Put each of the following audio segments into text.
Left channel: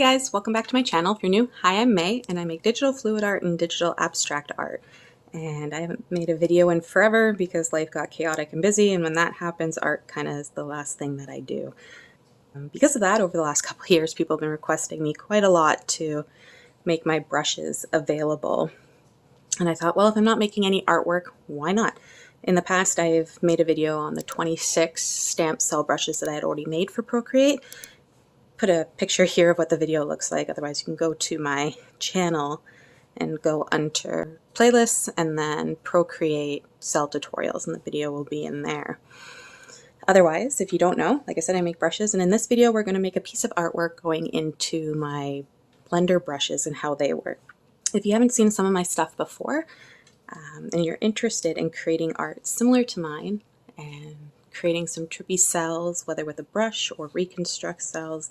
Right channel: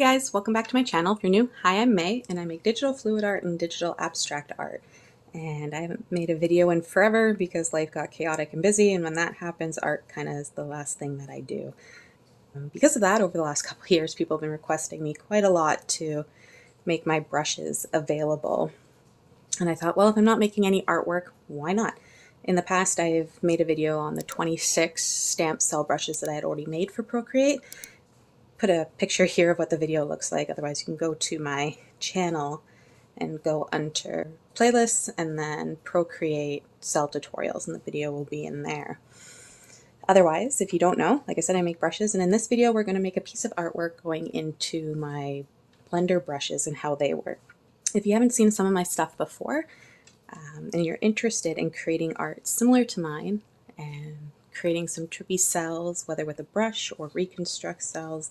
guys, welcome back to my channel. If you're new, hi, I'm May, and I make digital fluid art and digital abstract art. And I haven't made a video in forever because life got chaotic and busy, and when that happens, art kind of is the last thing that I do. Because of that, over the last couple of years, people have been requesting me quite a lot to make my brushes available. And I thought, well, if I'm not making any artwork, why not? In the past, I've made a video on the 26 stamp cell brushes that I had already made for Procreate. Put a picture here of what the video looks like, otherwise you can go to my channel and go under playlists and then Procreate Cell tutorials, and the video will be in there. Otherwise, if you don't know, like I said, I make brushes, and in this video we're going to make a piece of artwork going into my blender brushes and how they work. If you haven't seen some of my stuff before and you're interested in creating art similar to mine and creating some trippy cells, whether with a brush or reconstruct cells,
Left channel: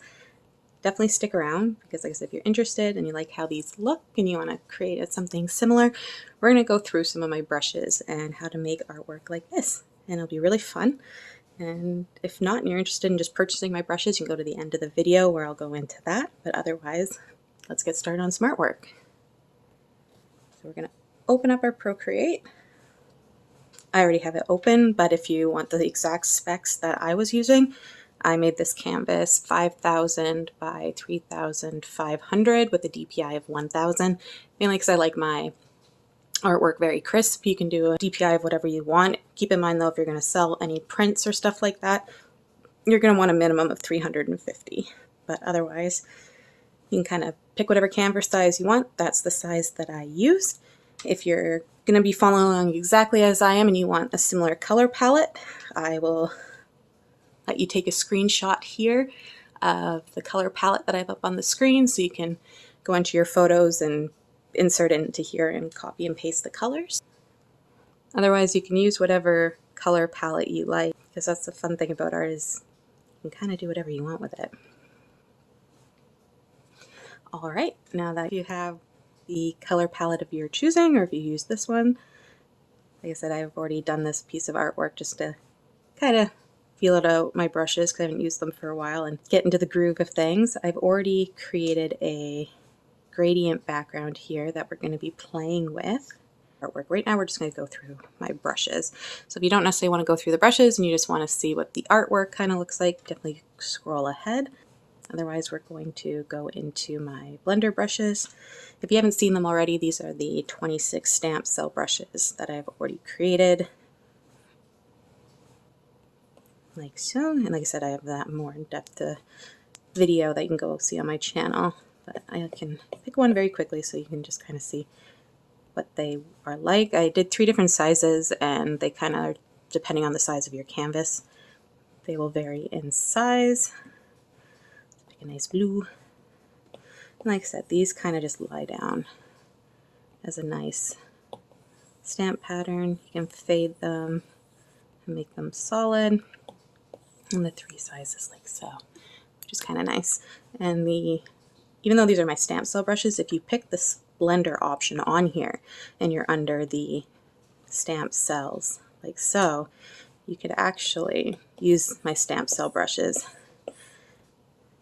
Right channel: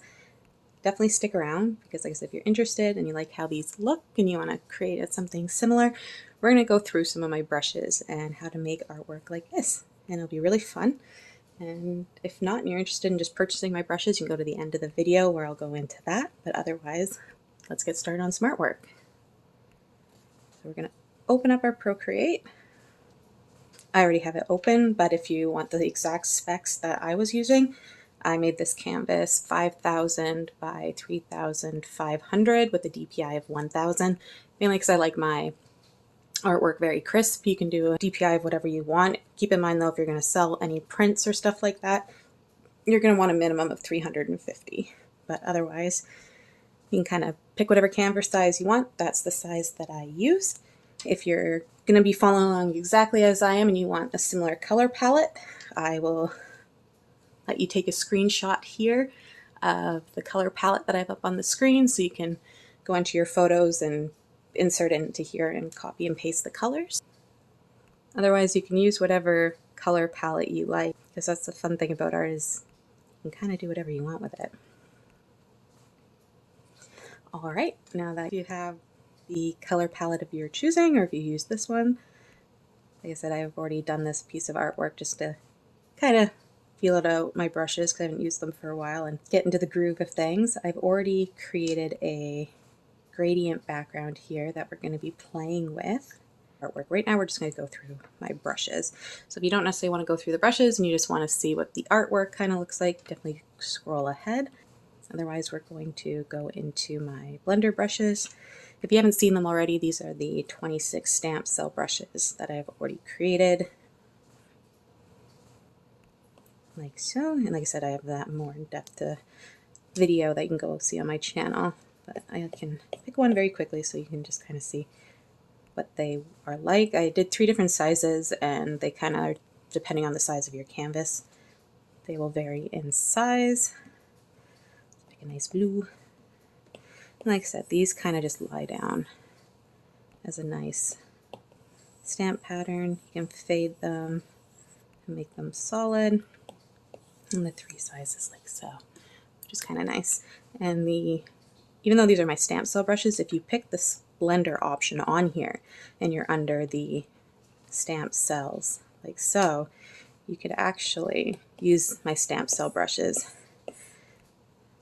definitely stick around, because like I said, if you're interested and you like how these look and you want to create something similar, we're going to go through some of my brushes and how to make artwork like this, and it'll be really fun. And if not, and you're interested in just purchasing my brushes, you can go to the end of the video where I'll go into that, but otherwise, let's get started on some artwork. So we're going to open up our Procreate. I already have it open, but if you want the exact specs that I was using, I made this canvas 5,000 by 3,500 with a DPI of 1,000, mainly because I like my artwork very crisp. You can do a DPI of whatever you want. Keep in mind though, if you're going to sell any prints or stuff like that, you're going to want a minimum of 350, but otherwise you can kind of pick whatever canvas size you want. That's the size that I used. If you're going to be following along exactly as I am and you want a similar color palette, I will let you take a screenshot here of the color palette that I have up on the screen, so you can go into your photos and insert it into here and copy and paste the colors. Otherwise, you can use whatever color palette you like, because that's the fun thing about art, is you can kind of do whatever you want with it. All right, now that you have the color palette of your choosing, or if you use this one, like I said, I've already done this piece of artwork just to kind of feel it out my brushes, because I haven't used them for a while, and get into the groove of things. I've already created a gradient background here that we're going to be playing with artwork. Right now we're just going to go through my brushes. So if you don't necessarily want to go through the brushes and you just want to see what the artwork kind of looks like, definitely scroll ahead. Otherwise, we're going to go into my blender brushes. If you haven't seen them already, these are the 26 stamp cell brushes that I've already created. Like so, and like I said, I have that more in-depth video that you can go see on my channel, but I can pick one very quickly so you can just kind of see what they are like. I did 3 different sizes, and they kind of, depending on the size of your canvas, they will vary in size. Pick a nice blue. And like I said, these kind of just lie down as a nice stamp pattern. You can fade them and make them solid. And the 3 sizes like so, which is kind of nice. And even though these are my stamp cell brushes, if you pick this blender option on here and you're under the stamp cells like so, you could actually use my stamp cell brushes. It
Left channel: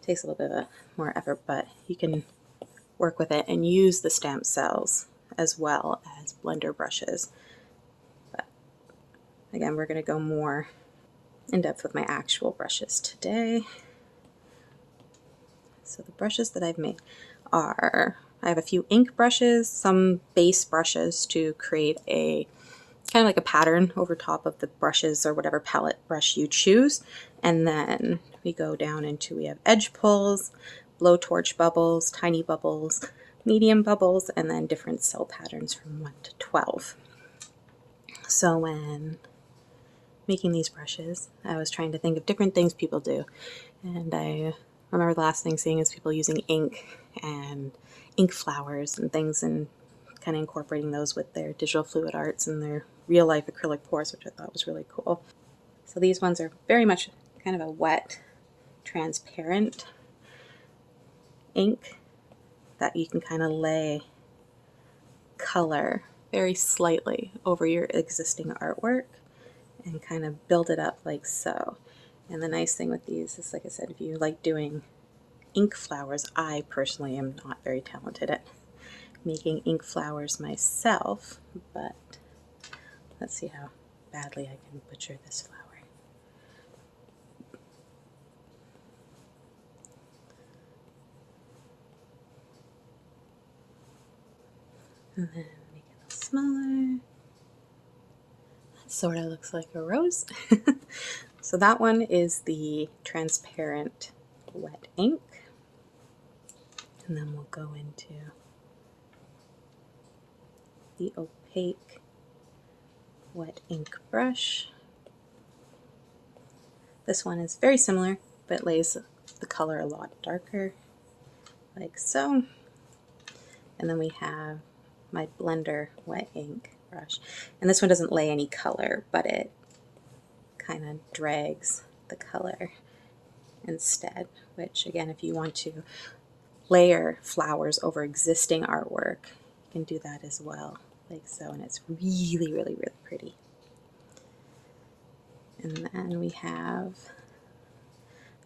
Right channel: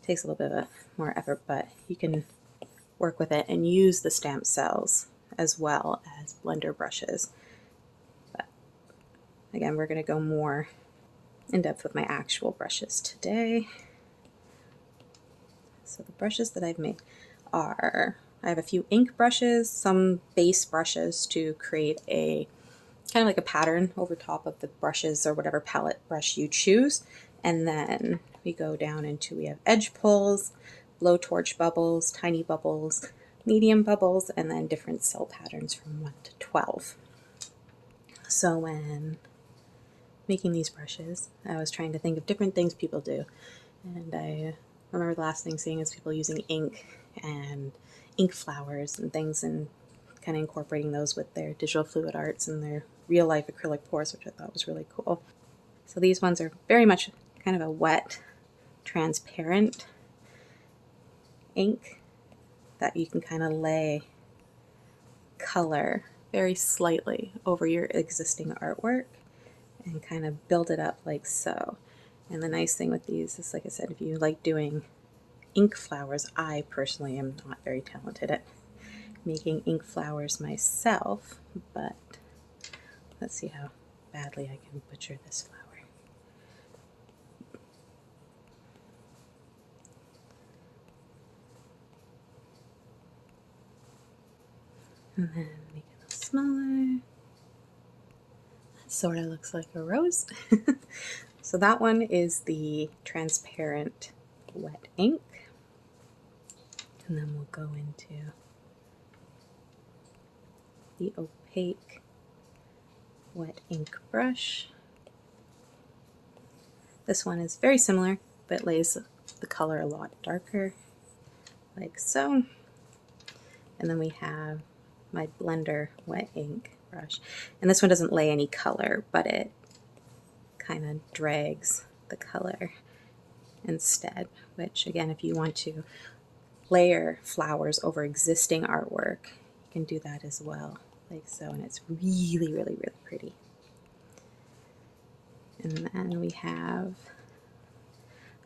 takes a little bit of more effort, but you can work with it and use the stamp cells as well as blender brushes. But again, we're going to go more in depth with my actual brushes today. So the brushes that I've made are, I have a few ink brushes, some base brushes to create a kind of like a pattern over top of the brushes or whatever palette brush you choose. And then we go down into, we have edge pulls, blowtorch bubbles, tiny bubbles, medium bubbles, and then different cell patterns from 1 to 12. So when making these brushes, I was trying to think of different things people do, and I remember the last thing seeing is people using ink and ink flowers and things, and kind of incorporating those with their digital fluid arts and their real life acrylic pours, which I thought was really cool. So these ones are very much kind of a wet, transparent ink that you can kind of lay color very slightly over your existing artwork and kind of build it up like so. And the nice thing with these is, like I said, if you like doing ink flowers. I personally am not very talented at making ink flowers myself, but let's see how badly I can butcher this flower. And then make it a little smaller. That sort of looks like a rose. So that one is the transparent wet ink. And then we'll go into the opaque wet ink brush. This one is very similar, but lays the color a lot darker, like so. And then we have my blender wet ink brush. And this one doesn't lay any color, but it kind of drags the color instead, which again, if you want to layer flowers over existing artwork, you can do that as well, like so, and it's really, really, really pretty. And then we have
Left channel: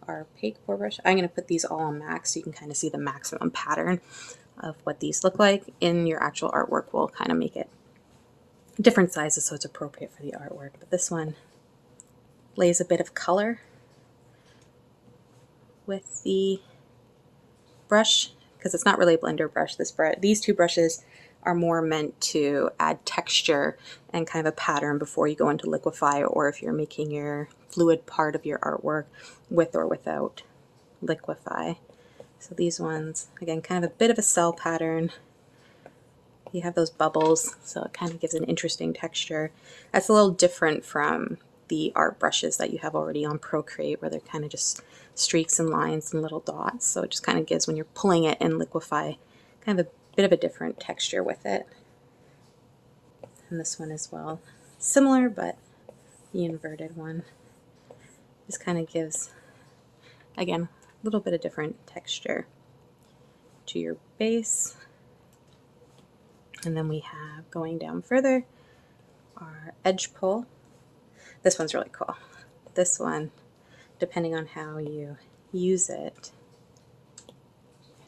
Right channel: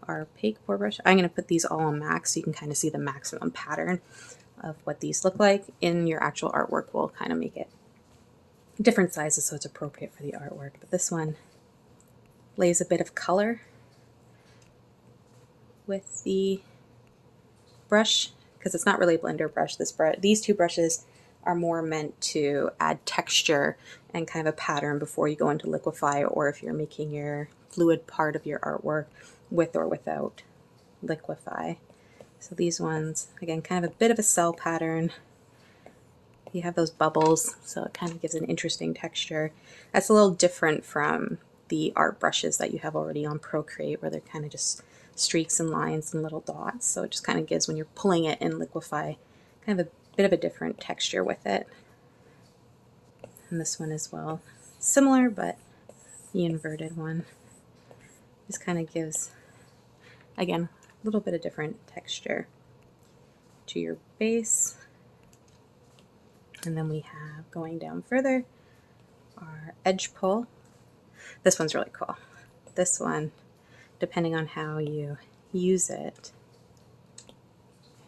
our opaque pour brush. I'm going to put these all on max so you can kind of see the maximum pattern of what these look like. In your actual artwork, we'll kind of make it different sizes so it's appropriate for the artwork. But this one lays a bit of color with the brush, because it's not really a blender brush. These two brushes are more meant to add texture and kind of a pattern before you go into liquify, or if you're making your fluid part of your artwork with or without liquify. So these ones, again, kind of a bit of a cell pattern. You have those bubbles, so it kind of gives an interesting texture. That's a little different from the art brushes that you have already on Procreate, where they're kind of just streaks and lines and little dots. So it just kind of gives, when you're pulling it in liquify, kind of a bit of a different texture with it. And this one as well, similar, but the inverted one just kind of gives, again, a little bit of different texture to your base. And then we have, going down further, our edge pull. This one's really cool. This one, depending on how you use it,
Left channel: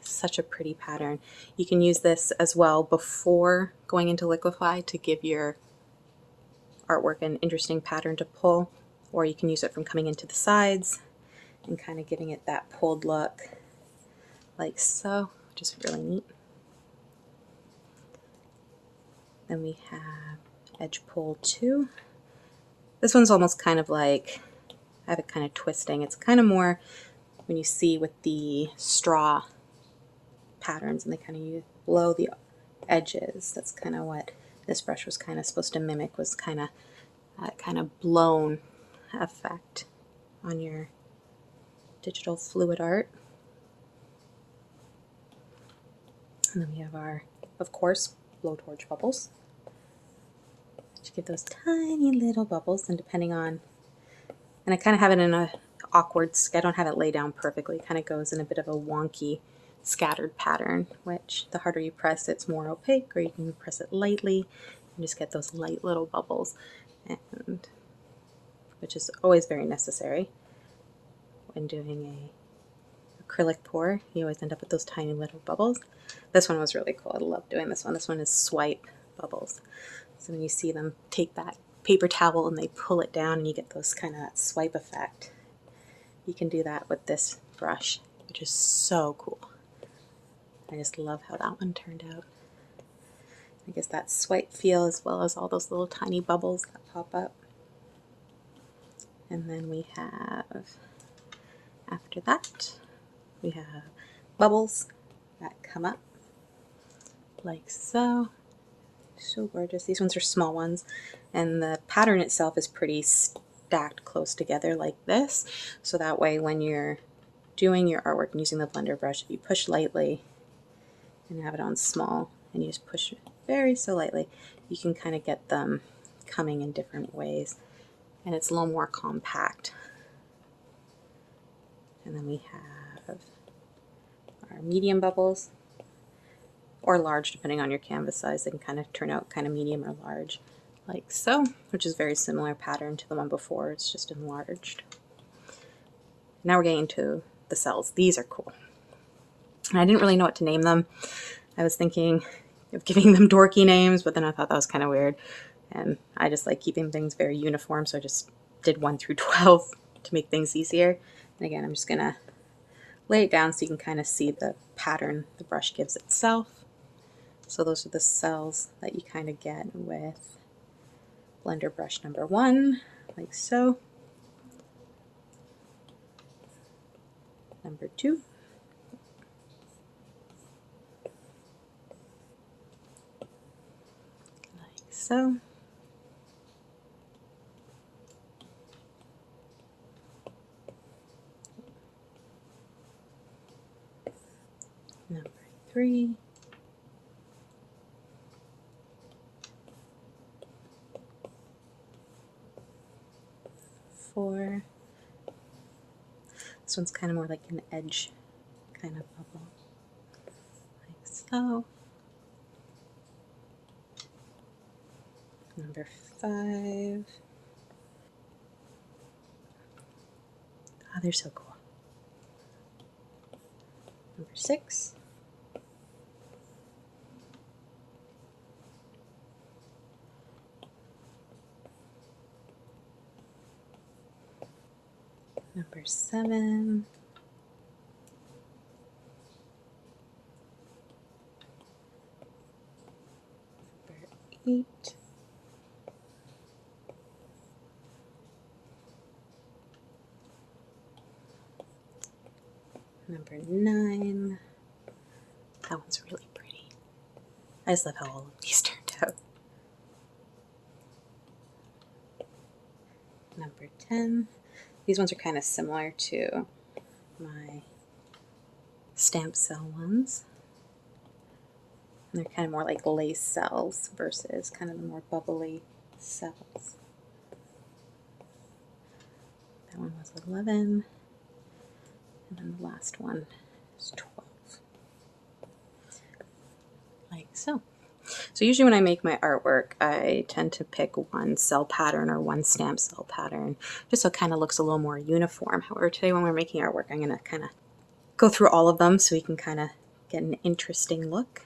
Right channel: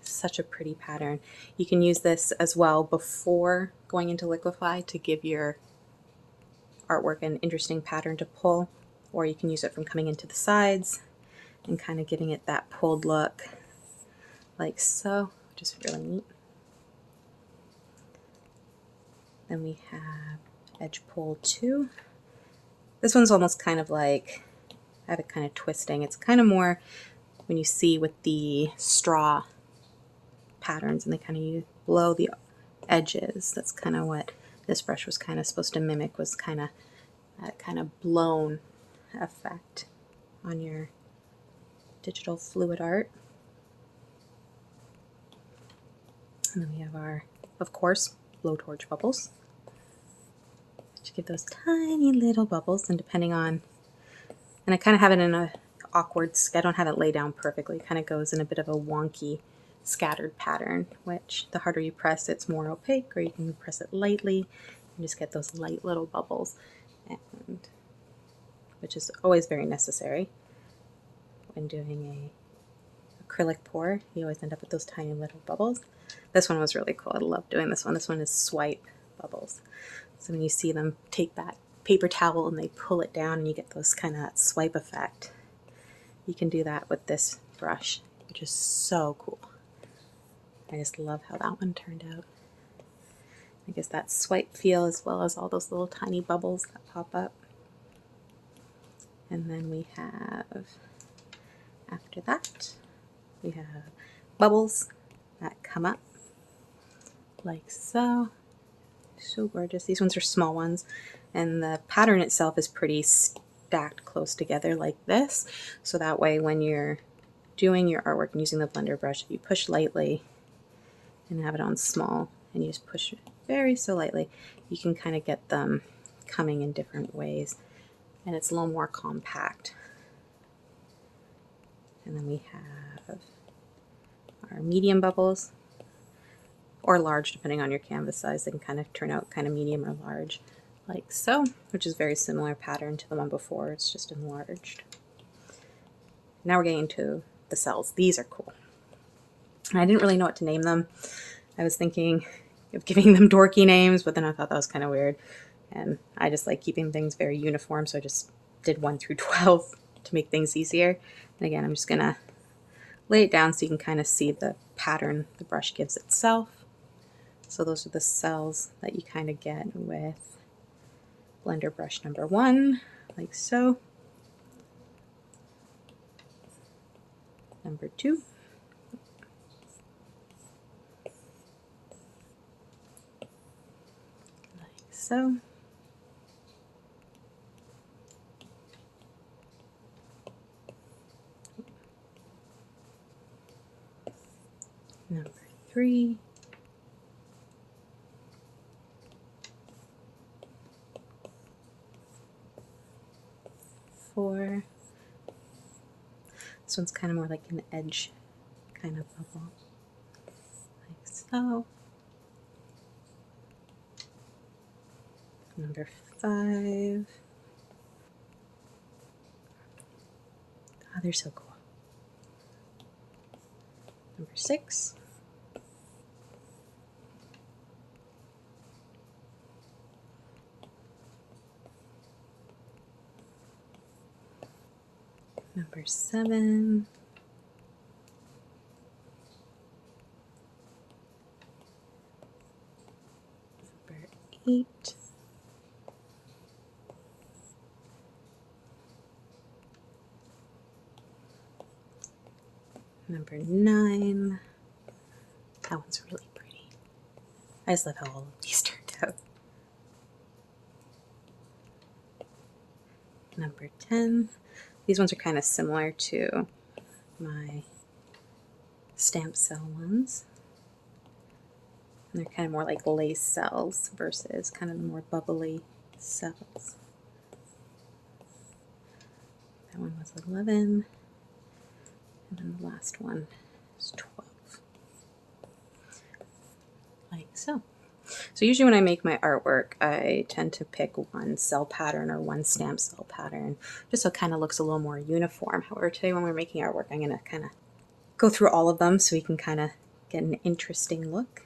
such a pretty pattern. You can use this as well before going into liquify to give your artwork an interesting pattern to pull, or you can use it from coming into the sides and kind of giving it that pulled look, like so, which is really neat. Then we have edge pull 2. This one's almost kind of like, I have it kind of twisting. It's kind of more when you see with the straw patterns and they kind of blow the edges. That's kind of what this brush was kind of supposed to mimic, was kind of that kind of blown effect on your digital fluid art. And then we have our, of course, blowtorch bubbles, which give those tiny little bubbles, and depending on, and I kind of have it in a awkward, I don't have it laid down perfectly, it kind of goes in a bit of a wonky scattered pattern, which the harder you press, it's more opaque, or you can press it lightly and just get those light little bubbles, and which is always very necessary when doing a acrylic pour. You always end up with those tiny little bubbles. This one was really cool. I love doing this one. This one is swipe bubbles. So when you see them take that paper towel and they pull it down and you get those kind of that swipe effect, you can do that with this brush, which is so cool. I just love how that one turned out. I guess that swipe feel as well as all those little tiny bubbles that pop up. And then we have, after that, we have bubbles that come up like so. So gorgeous. These ones are small ones, and the pattern itself is pretty stacked close together like this. So that way when you're doing your artwork and using the blender brush, if you push lightly and have it on small and you just push very so lightly, you can kind of get them coming in different ways, and it's a little more compact. And then we have our medium bubbles, or large depending on your canvas size. They can kind of turn out kind of medium or large like so, which is very similar pattern to the one before, it's just enlarged. Now we're getting into the cells. These are cool. And I didn't really know what to name them. I was thinking of giving them dorky names, but then I thought that was kind of weird. And I just like keeping things very uniform, so I just did 1 through 12 to make things easier. And again, I'm just going to lay it down so you can kind of see the pattern the brush gives itself. So those are the cells that you kind of get with blender brush number 1, like so. Number 2. Like so. Number 3. Four. This one's kind of more like an edge kind of bubble, like so. Number 5. Oh, they're so cool. Number 6. Number 7. Number 8. Number 9. That one's really pretty. I just love how all of these turned out. Number 10. These ones are kind of similar to my stamp cell ones. And they're kind of more like lace cells versus kind of the more bubbly cells. That one was 11. And then the last one is 12. Like so. So usually when I make my artwork, I tend to pick one cell pattern or one stamp cell pattern, just so it kind of looks a little more uniform. However, today when we're making artwork, I'm going to kind of go through all of them so we can kind of get an interesting look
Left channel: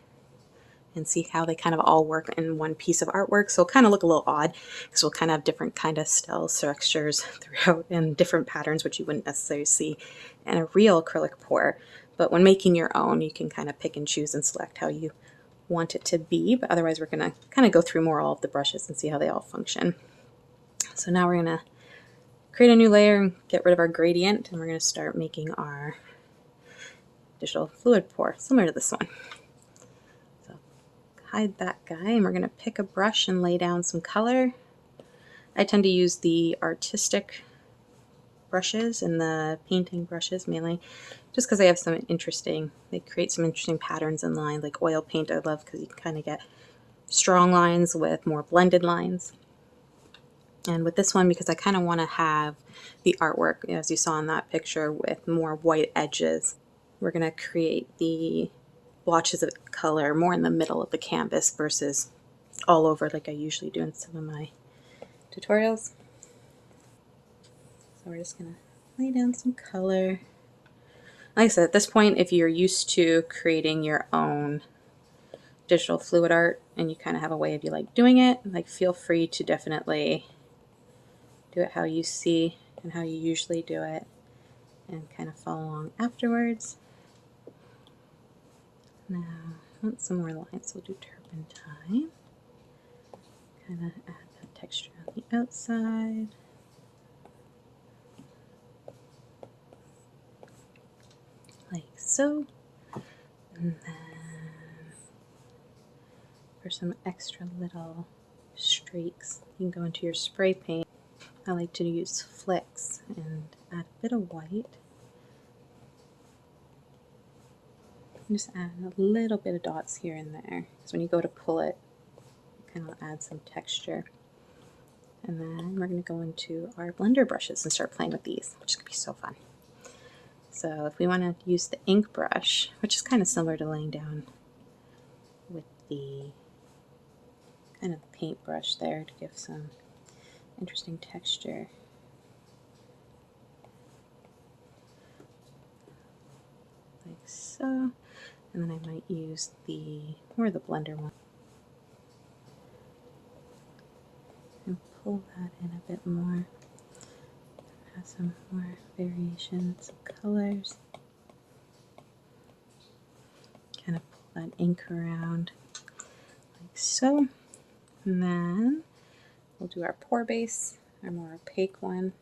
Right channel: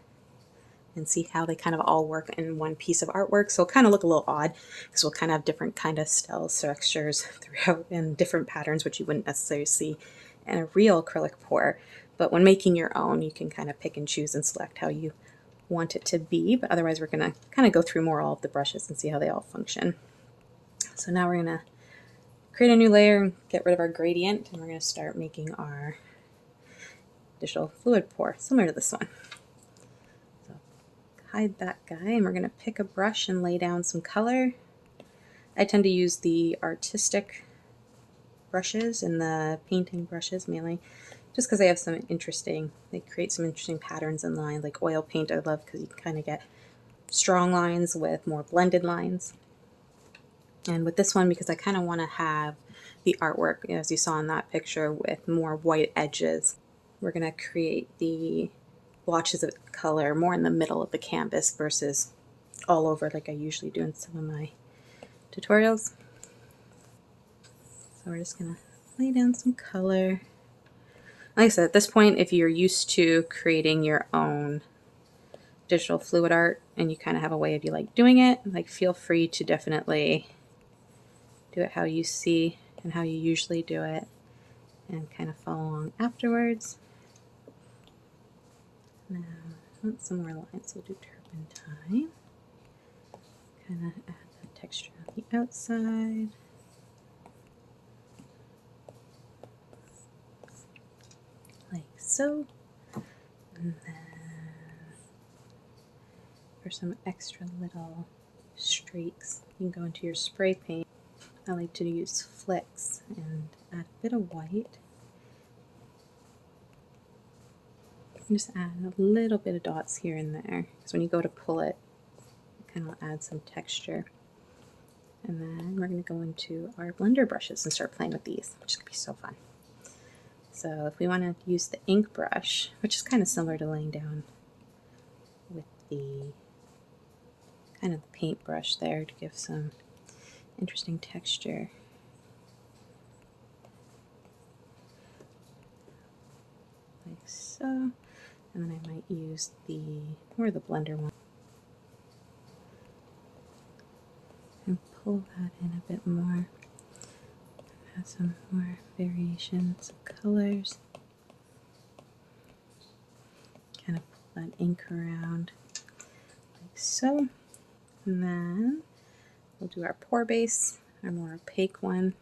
and see how they kind of all work in one piece of artwork. So it'll kind of look a little odd because we'll kind of have different kind of style textures throughout and different patterns, which you wouldn't necessarily see in a real acrylic pour. But when making your own, you can kind of pick and choose and select how you want it to be. But otherwise, we're going to kind of go through more all of the brushes and see how they all function. So now we're going to create a new layer and get rid of our gradient, and we're going to start making our digital fluid pour, similar to this one. So hide that guy, and we're going to pick a brush and lay down some color. I tend to use the artistic brushes and the painting brushes mainly, just because they have some interesting, they create some interesting patterns in line. Like oil paint I love because you can kind of get strong lines with more blended lines. And with this one, because I kind of want to have the artwork, as you saw in that picture, with more white edges, we're going to create the blotches of color more in the middle of the canvas versus all over like I usually do in some of my tutorials. So we're just going to lay down some color. Like I said, at this point, if you're used to creating your own digital fluid art and you kind of have a way of you like doing it, like feel free to definitely do it how you see and how you usually do it and kind of follow along afterwards. Now, I want some more lines, so we'll do turpentine. Kind of add that texture on the outside. Like so. And then for some extra little streaks, you can go into your spray paint. I like to use flicks and add a bit of white. Just add a little bit of dots here and there, because when you go to pull it, it kind of add some texture. And then we're going to go into our blender brushes and start playing with these, which is going to be so fun. So if we want to use the ink brush, which is kind of similar to laying down with the kind of the paintbrush there to give some interesting texture. Like so. And then I might use the blender one and pull that in a bit more. Add some more variations of colors. Kind of pull that ink around like so. And then we'll do our pour base, our more opaque one.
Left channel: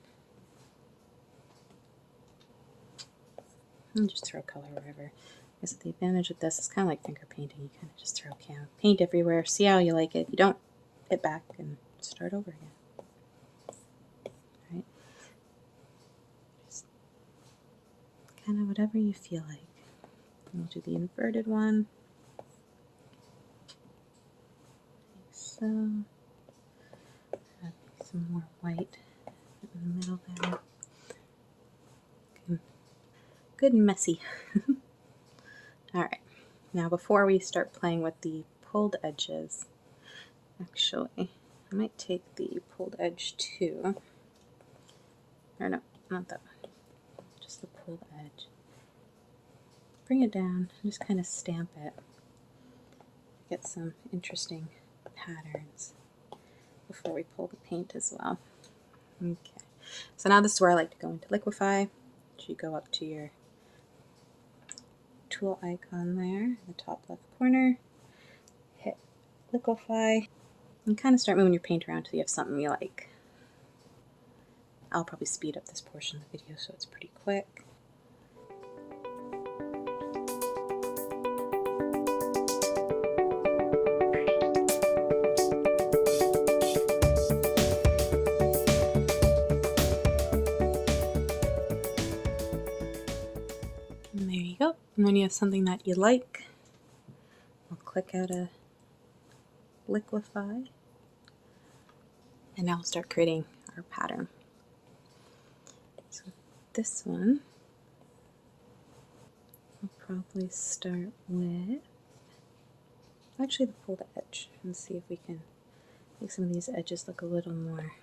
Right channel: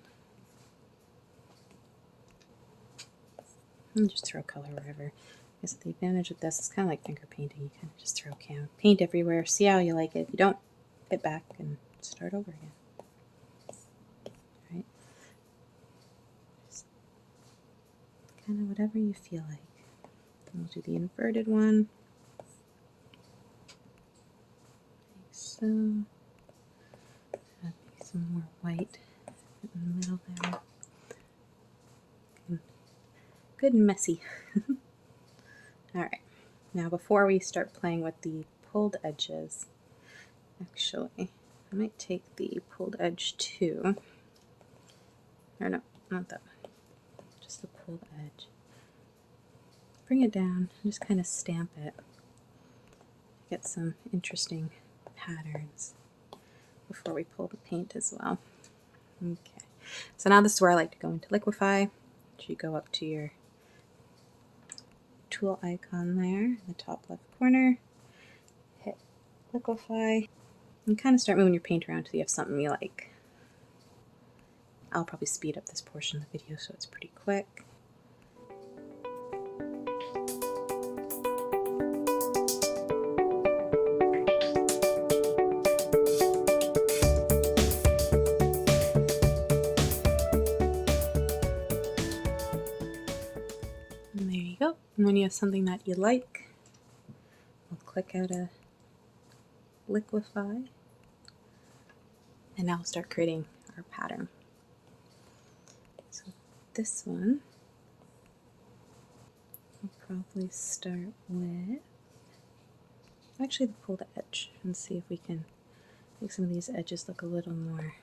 And just throw color wherever. Because the advantage of this is kind of like finger painting. You kind of just throw paint everywhere, see how you like it. If you don't, hit back and start over again. Right? Just kind of whatever you feel like. We'll do the inverted one. Like so. Add some more white in the middle there. Good and messy. Alright, now before we start playing with the pulled edges, actually, I might take the pulled edge 2, or no, not that one, just the pulled edge. Bring it down and just kind of stamp it. Get some interesting patterns before we pull the paint as well. Okay, so now this is where I like to go into liquify. So you go up to your tool icon there in the top left corner, hit liquify, and kind of start moving your paint around until you have something you like. I'll probably speed up this portion of the video so it's pretty quick. And there you go. And when you have something that you like, we'll click out of liquify, and now we'll start creating our pattern. So this one, we'll probably start with actually the pulled edge and see if we can make some of these edges look a little more,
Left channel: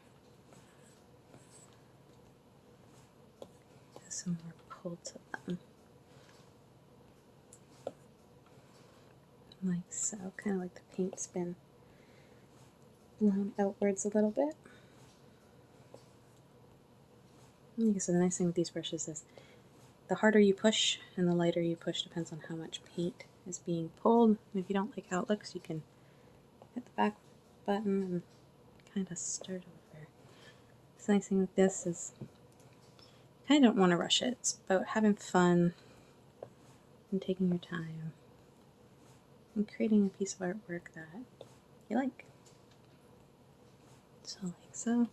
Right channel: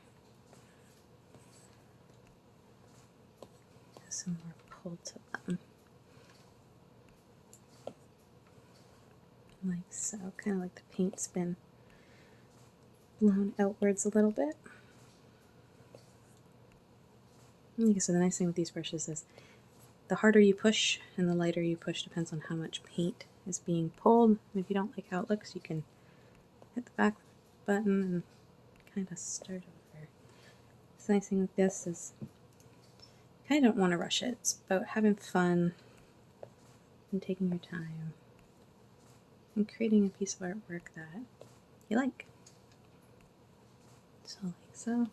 some more pull to them. Like so, kind of like the paint's been blown outwards a little bit. Okay, so the nice thing with these brushes is the harder you push and the lighter you push depends on how much paint is being pulled. And if you don't like how it looks, you can hit the back button and kind of start over. The nice thing with this is you kind of don't want to rush it. It's about having fun and taking your time and creating a piece of artwork that you like. So like so.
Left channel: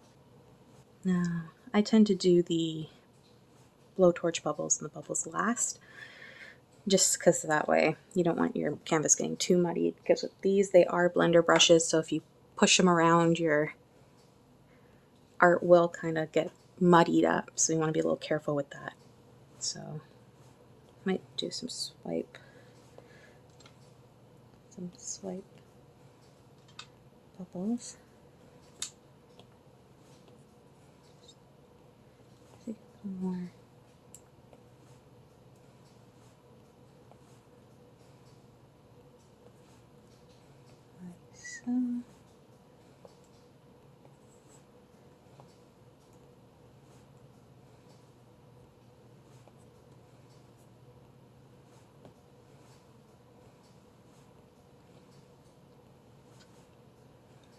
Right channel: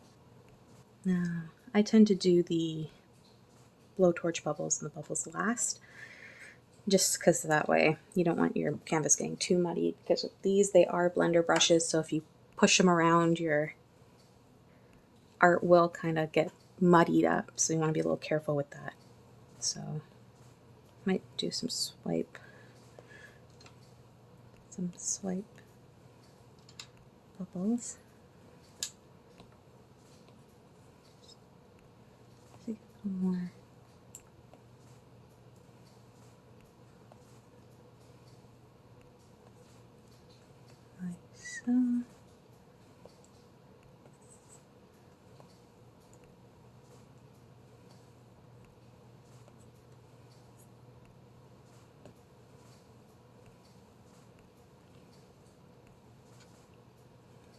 Now, I tend to do the blowtorch bubbles and the bubbles last, just because that way you don't want your canvas getting too muddy, because with these, they are blender brushes, so if you push them around, your art will kind of get muddied up, so you want to be a little careful with that. So, might do some swipe bubbles. A little more. Like so.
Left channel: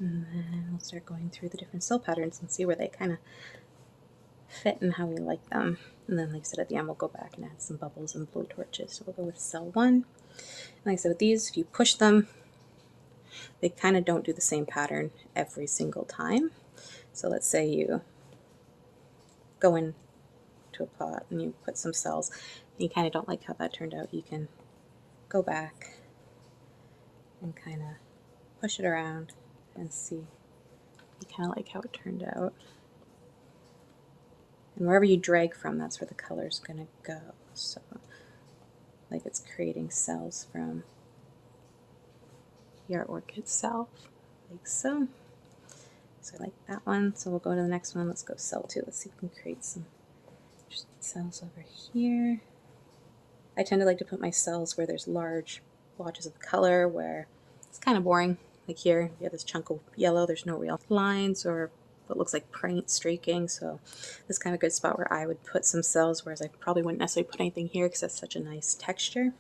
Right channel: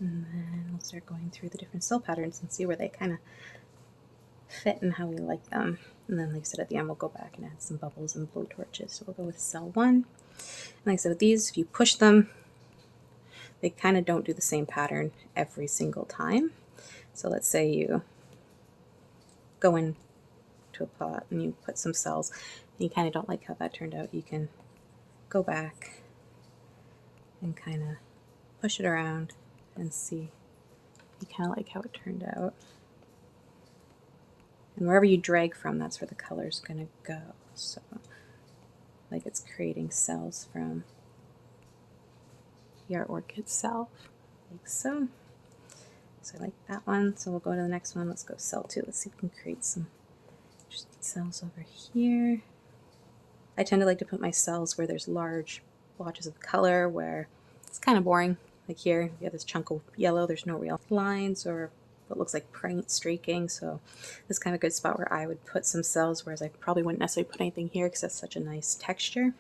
And then we'll start going through the different cell patterns and see where they kind of fit and how we like them. And then, like I said, at the end, we'll go back and add some bubbles and blow torches. So we'll go with cell 1. And like I said, with these, if you push them, they kind of don't do the same pattern every single time. So let's say you go into a pot and you put some cells and you kind of don't like how that turned out. You can go back and kind of push it around and see you kind of like how it turned out. And wherever you drag from, that's where the color's going to go. So, like it's creating cells from the artwork itself, like so. So I like that one. So we'll go to the next one. Let's go cell 2. Let's see if we can create some cells over here. I tend to like to put my cells where there's large blotches of color, where it's kind of boring. Like here, you have this chunk of yellow, there's no real lines or what looks like paint streaking, so this is kind of a good spot where I would put some cells, whereas I probably wouldn't necessarily put anything here because that's such a nice texture.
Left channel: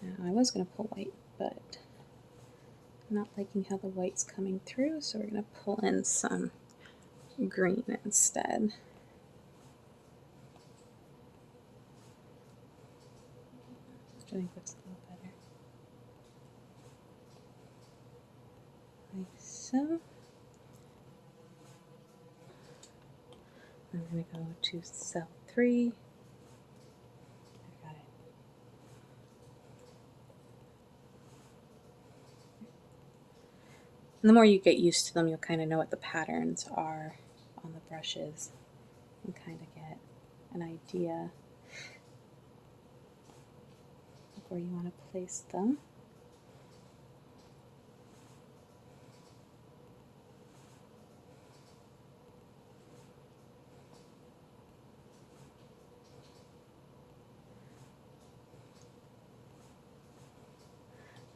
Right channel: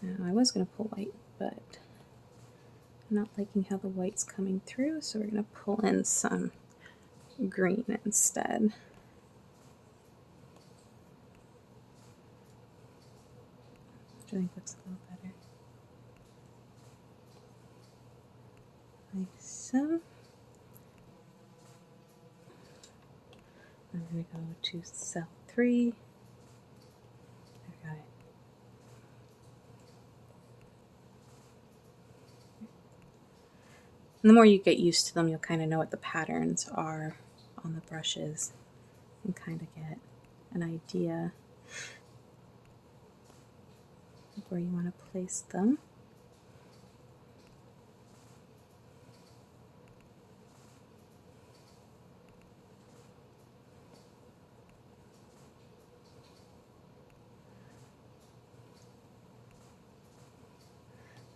Now, I was going to pull white, but I'm not liking how the white's coming through, so we're going to pull in some green instead. Which I think looks a little better. Like so. I'm going to go to cell 3. I got it. And the more you get used to them, you'll kind of know what the patterns are on the brushes and kind of get an idea of where you want to place them.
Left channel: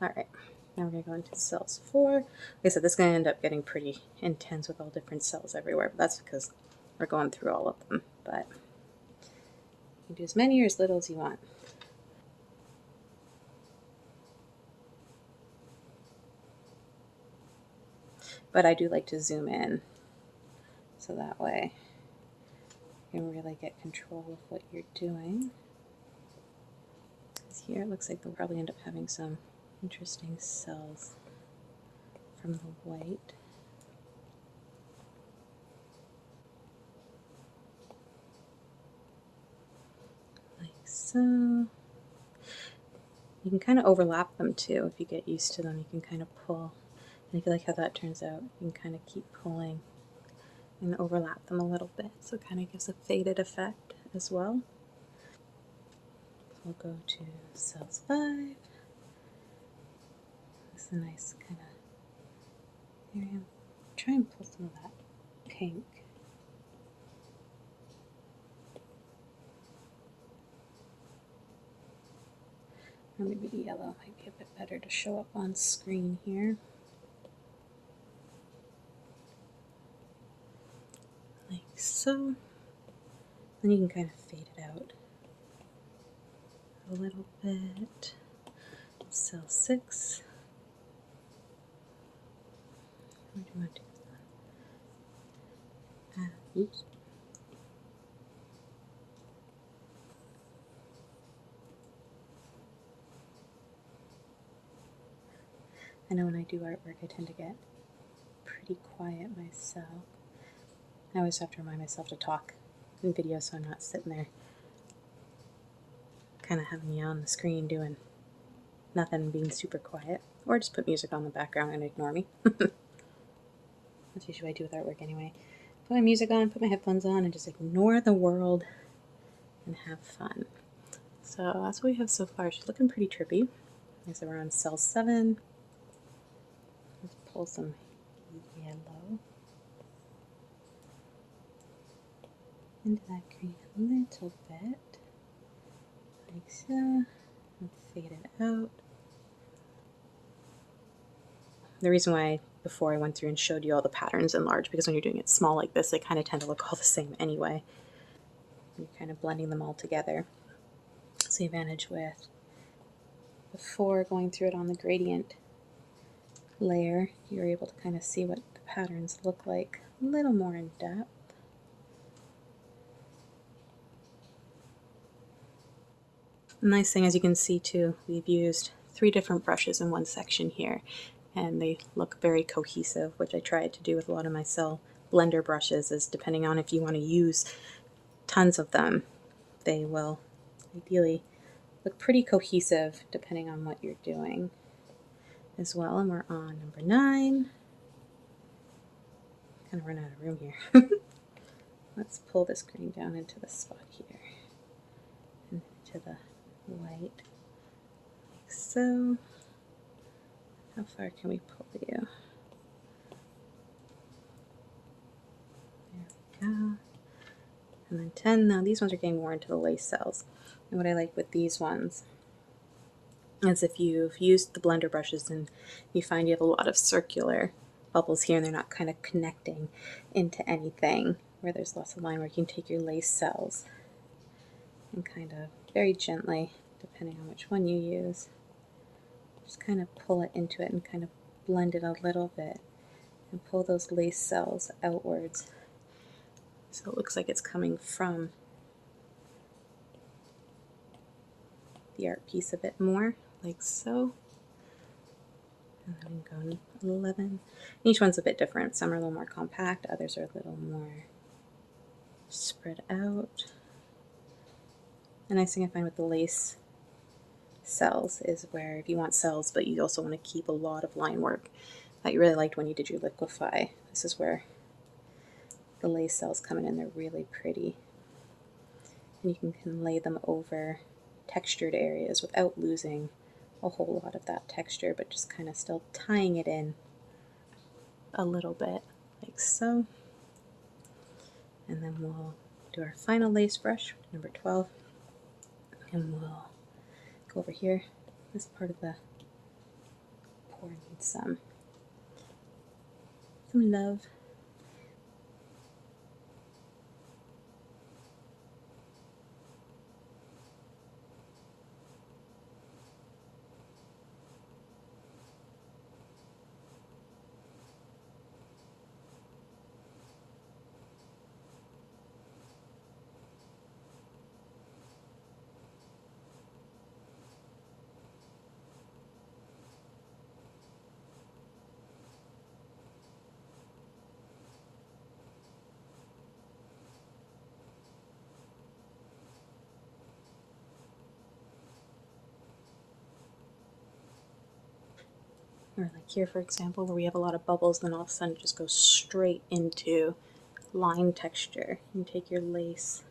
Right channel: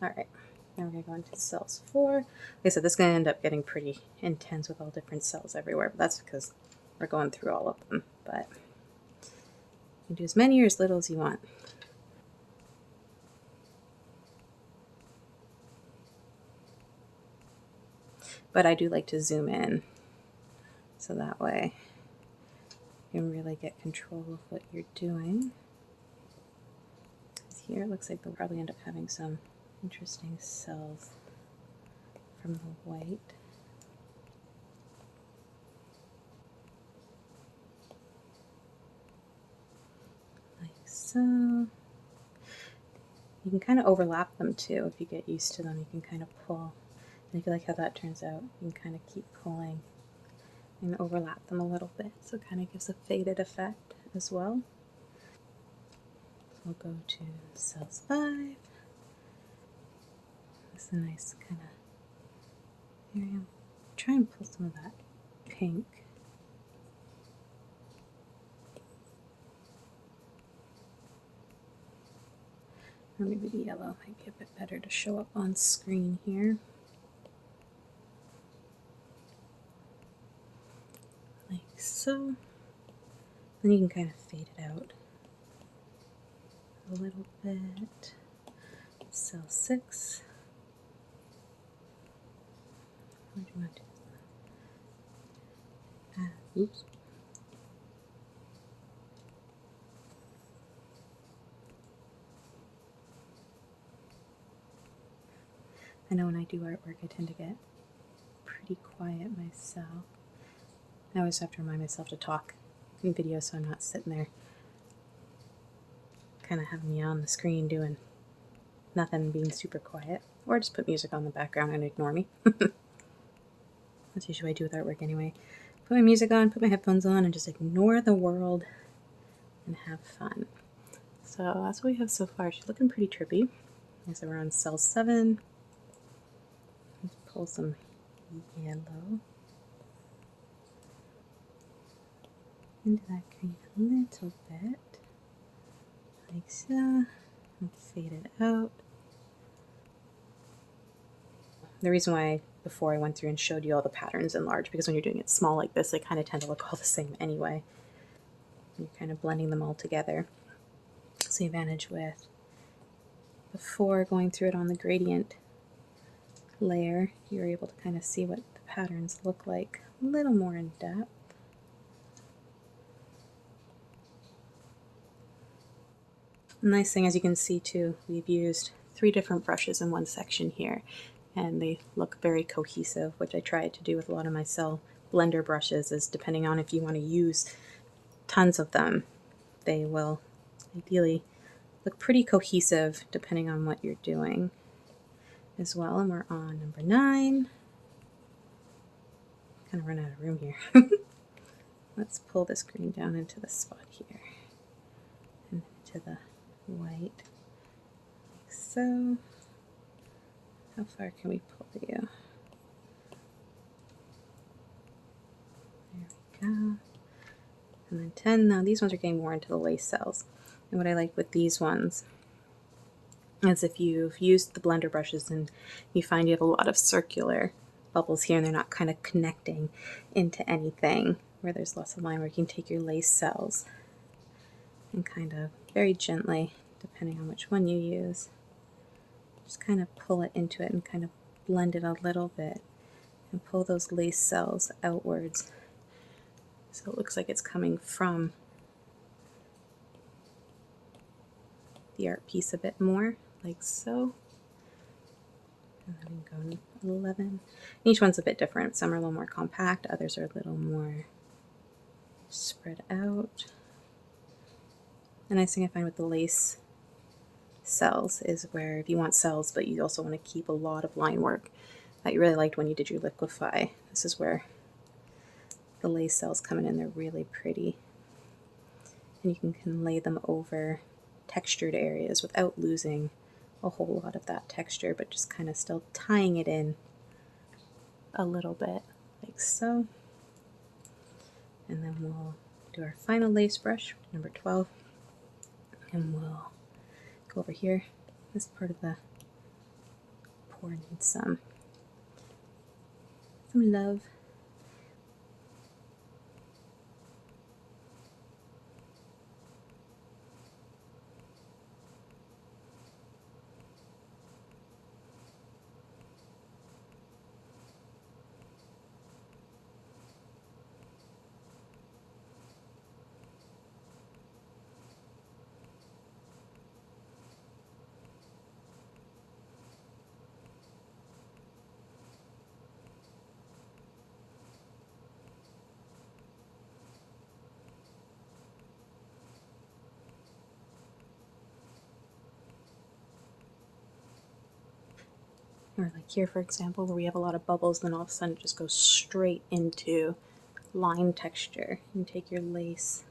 Alright, now we're going to go into cells 4. Like I said, this is going to end up getting pretty intense with all different cells everywhere, but that's because we're going through all of them. But you can do as many or as little as you want. But I do like to zoom in, so that way you can really get control of what you're doing. Because here it looks like we'll probably end up having some interesting cells from the white. Like so. You can kind of overlap them too if you get used to them. You can kind of pull. And if you like how that turns out, you can kind of keep pulling and overlap them a little bit, so it kind of gives a faded effect as well. We'll go to cells 5. This is a nice kind of area. Try and pull some of that pink. Or maybe the yellow might be a bit better to show up on screen here. Like so. Then you can kind of fade it out a little bit. Cell 6. What do you want to do? Oops. I know when I do artwork, I tend to get pretty quiet myself. I always have to remind myself to talk in video so I'm not sitting there kind of having you on the screen doing nothing, being super quiet. Or just put music on the background and ignore me. That's usually what I do with artwork anyway. Put my music on, put my headphones on, and just ignore the world and have fun. So that's what we have so far. She's looking pretty trippy. So we're on cell 7. Let's pull some yellow into that green a little bit, like so, and fade it out. The reason why before I went through and showed you all the patterns in large, because when you're doing it small like this, they kind of tend to look all the same anyway. You're kind of blending them all together. So you manage with, before going through it on the gradient layer, you're able to kind of see what the patterns look like a little more in depth. The nice thing, as you can see too, we've used 3 different brushes in one section here, and they look very cohesive, which I tried to do with a lot of my cell blender brushes, is depending on if you want to use tons of them, they will ideally look pretty cohesive depending on what you're doing as well. And we're on number 9. Kind of run out of room here. Let's pull this green down into the spot here and into the white, like so. How far can we pull you? There we go. And then and 10. Now these ones are getting more into the lace cells. And what I like with these ones is if you've used the blender brushes and you find you have a lot of circular bubbles here and they're not kind of connecting into anything, where there's lots of line work, you can take your lace cells and kind of very gently, depending on which one you use, just kind of pull it into it and kind of blend it a little bit and pull those lace cells outwards so it looks like it's coming from the art piece a bit more, like so. And then I'm going 11. Each one's a bit different. Some are a little more compact, others are a little more spread out. The nice thing I find with the lace cells is where if you want cells but you also want to keep a lot of line work that you really liked when you did your liquify, this is where the lace cells come in and they're really pretty. And you can lay them over textured areas without losing a whole lot of that texture, but just kind of still tying it in a little bit, like so. And then we'll do our final lace brush, number 12, and we'll go over here. This part of the pour needs some love. Or like here, for example, where we have a lot of bubbles, then all of a sudden it just goes straight into line texture. You take your lace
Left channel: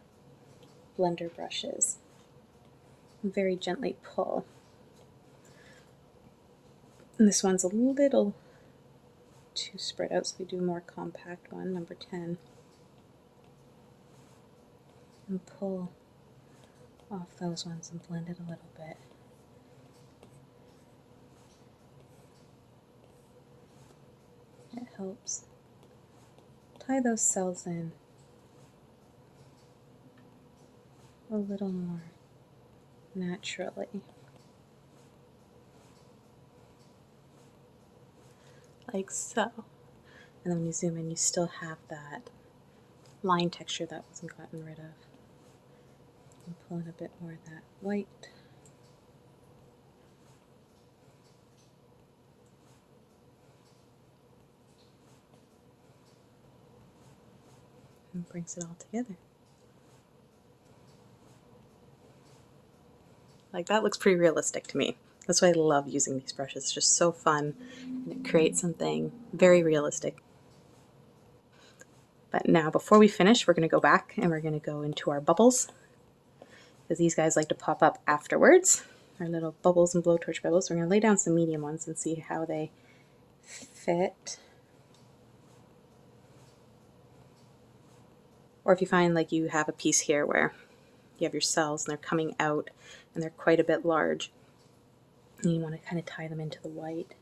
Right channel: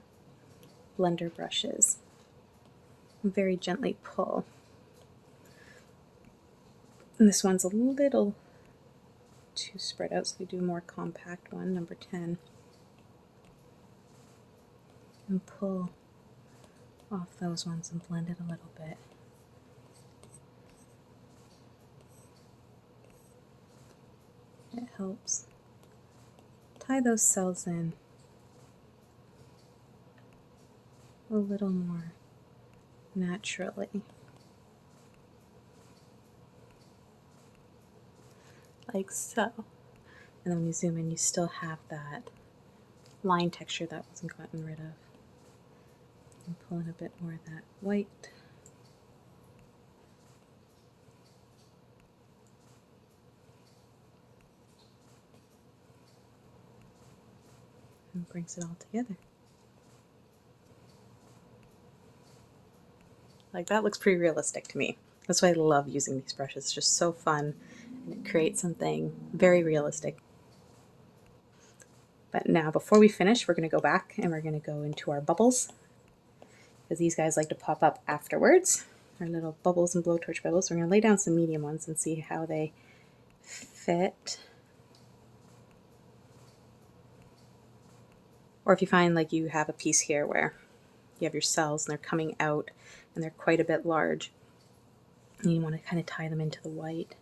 blender brushes and very gently pull. And this one's a little too spread out, so we do a more compact one, number 10. And pull off those ones and blend it a little bit. It helps tie those cells in a little more naturally. Like so. And then when you zoom in, you still have that line texture that wasn't gotten rid of. And pull in a bit more of that white. And brings it all together. Like, that looks pretty realistic to me. That's why I love using these brushes. It's just so fun, and it creates something very realistic. But now, before we finish, we're going to go back and we're going to go into our bubbles, because these guys like to pop up afterwards. Our little bubbles and blowtorch bubbles. We're going to lay down some medium ones and see how they fit. Or if you find like you have a piece here where you have your cells and they're coming out and they're quite a bit large, and you want to kind of tie them into the white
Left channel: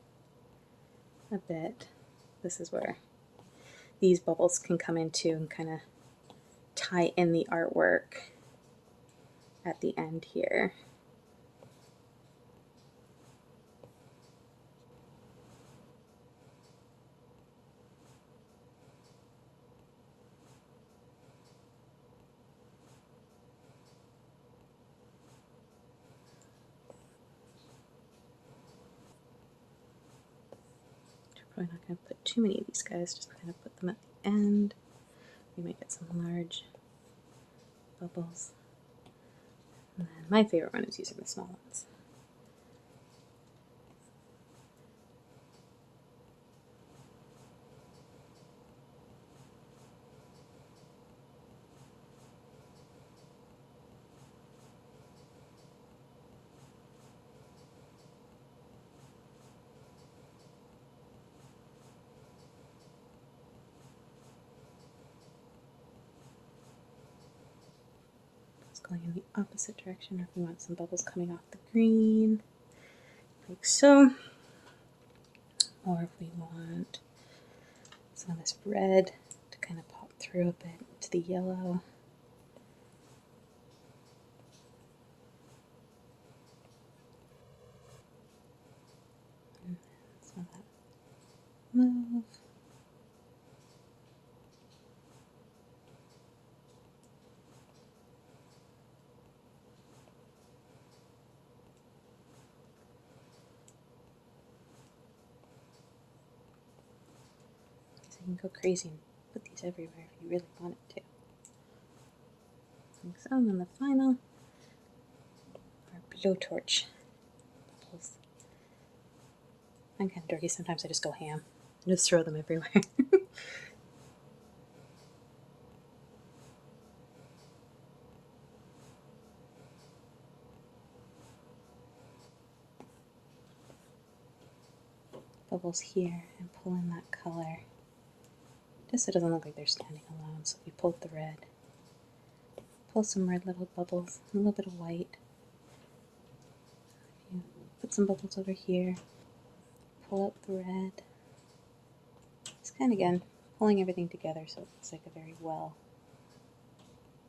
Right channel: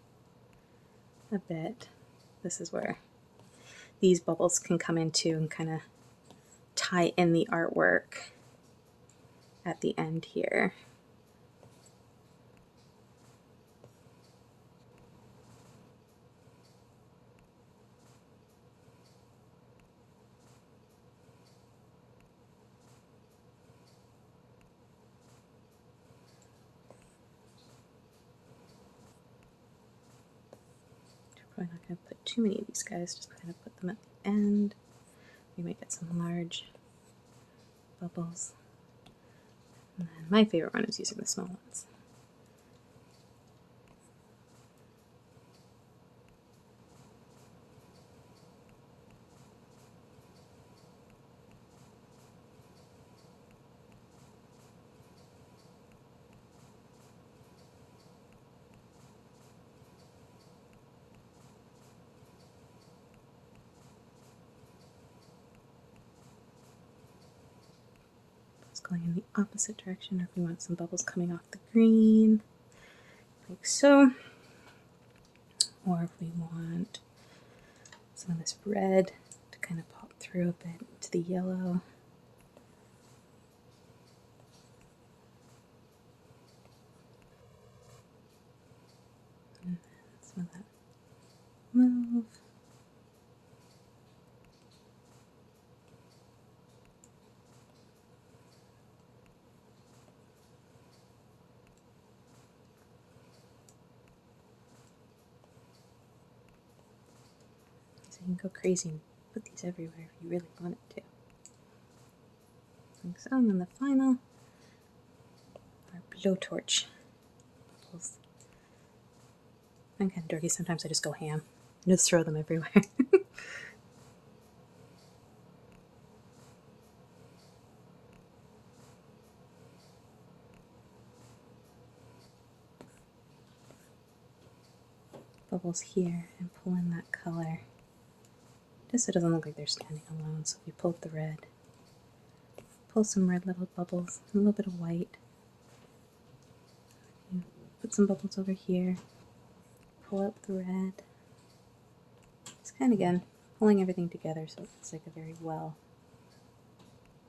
a bit. This is where these bubbles can come into and kind of tie in the artwork at the end here. Probably not going to put too many of these guys, just kind of put them at the end. We might get some large bubbles. And then my favorite one is using the small ones. going in the opposite direction, or if we want some bubbles coming off the green, like so. Or if we want some of this red to kind of pop through a bit to the yellow. And some of that mauve. So you can go crazy and put these everywhere if you really wanted to. Like so, and then the final, our blowtorch bubbles. I'm kind of dirty, sometimes I just go ham and just throw them everywhere. Bubbles here and pull in that color, just so it doesn't look like they're standing alone. So if we pull up the red, pull some red little bubbles, and a little bit of white. Put some bubbles over here, pull up the red. It's kind of, again, pulling everything together so it looks like a very well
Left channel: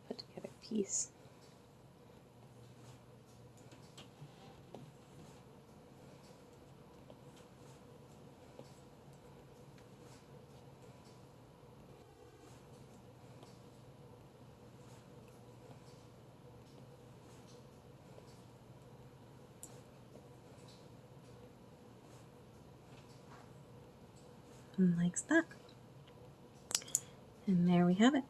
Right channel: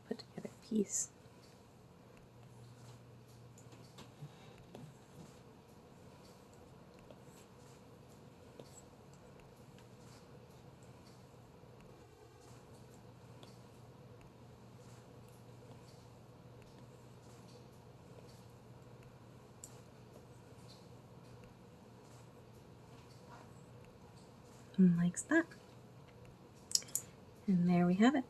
put together piece. And like that. And there we have it.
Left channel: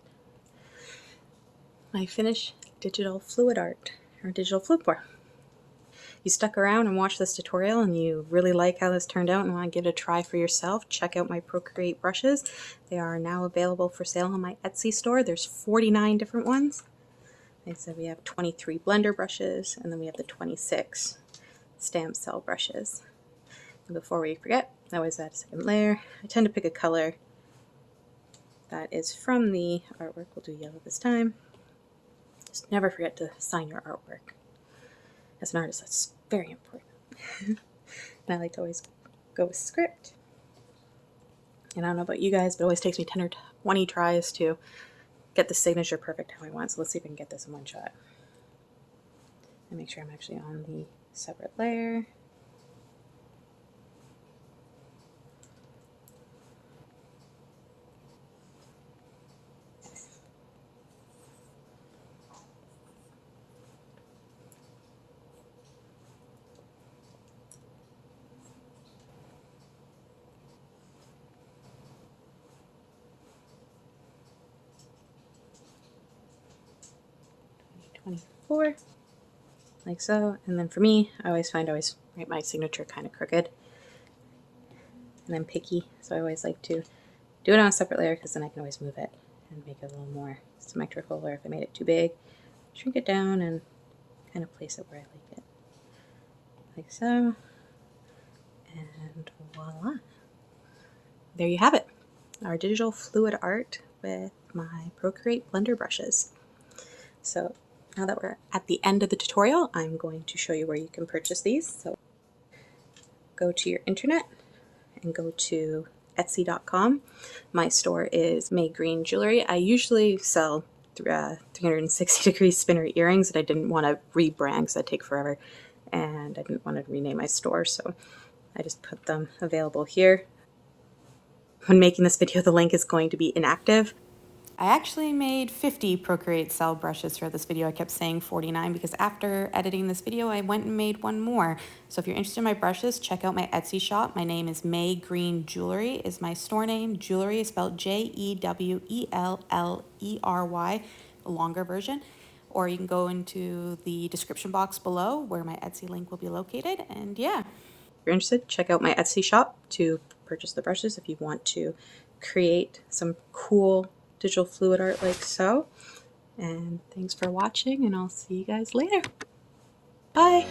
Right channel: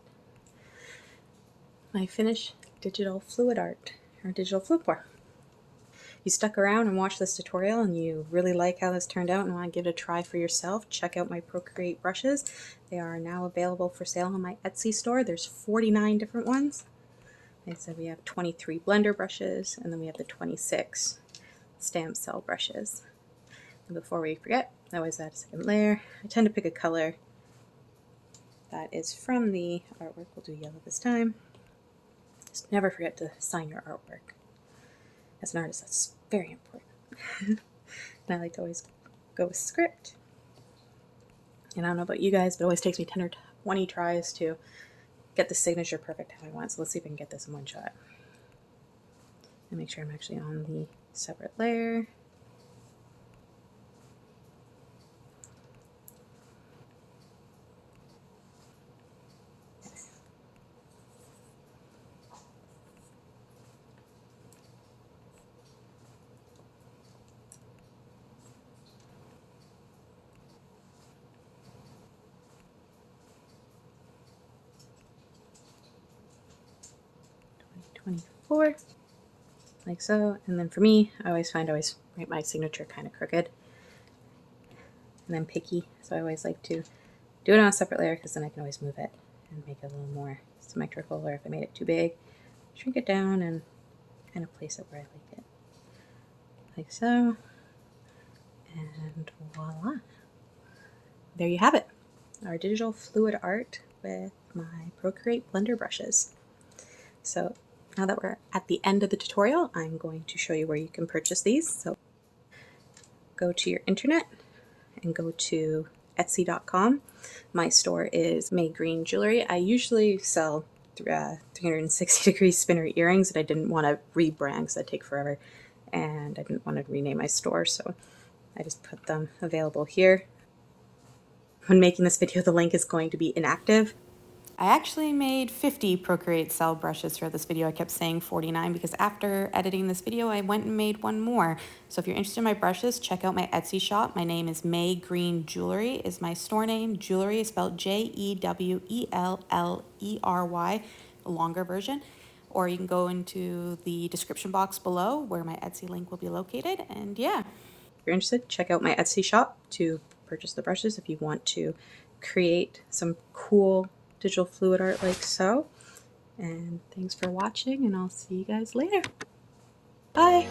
My finished digital fluid art, or digital fluid pour. You stuck around and watched this tutorial and you really like how this turned out and want to give it a try for yourself, check out my Procreate brushes. They are now available for sale on my Etsy store. There's 49 different ones. Like I said, we have 23 blender brushes, and then we have the 26 stamp cell brushes. And before we forget, I always add a second layer. I tend to pick a color that is from the artwork. We'll do yellow this time. Just never forget to sign your artwork. As an artist, that's very important. And I like to always go with script. And I don't know about you guys, but it always takes me 10 or 20 tries to get the signature perfect how I want. So let's see if we can get this in one shot. And make sure I'm actually on the separate layer. Like so. And then for me, I always write my signature kind of crooked and then picky, so I always like to do it on a separate layer because then I can always move it and make it a little more symmetrical, or if I made it too big, shrink it down and kind of place it where I like it, like so. And voila, there you have it, our digital fluid art with my Procreate blender brushes. So now that we're at the end of the tutorial, I'm going to show you where you can purchase these. So go to your internet and go to Etsy.com. My store is May Green Jewelry. I usually sell 360 degree spinner earrings, and I didn't want to rebrand because that'd take forever, and I didn't want to rename my store, so I just put them available here. When making this video, the link is going to be inactive. I actually made 50 Procreate Cell Brushes for this video. I kept saying 49 because after editing this video, I went and made one more. So if you're interested in my brushes, check out my Etsy shop. My name is May Green Jewelry is my store name. Jewelry is spelled Jewellery, a longer version. Or you can go into the description box below where my Etsy link will be located. And yeah. If you're interested, check out my Etsy shop to purchase the brushes if you want to create some cool digital fluid art like so. And thanks for watching, and I'll see you guys later. Bye!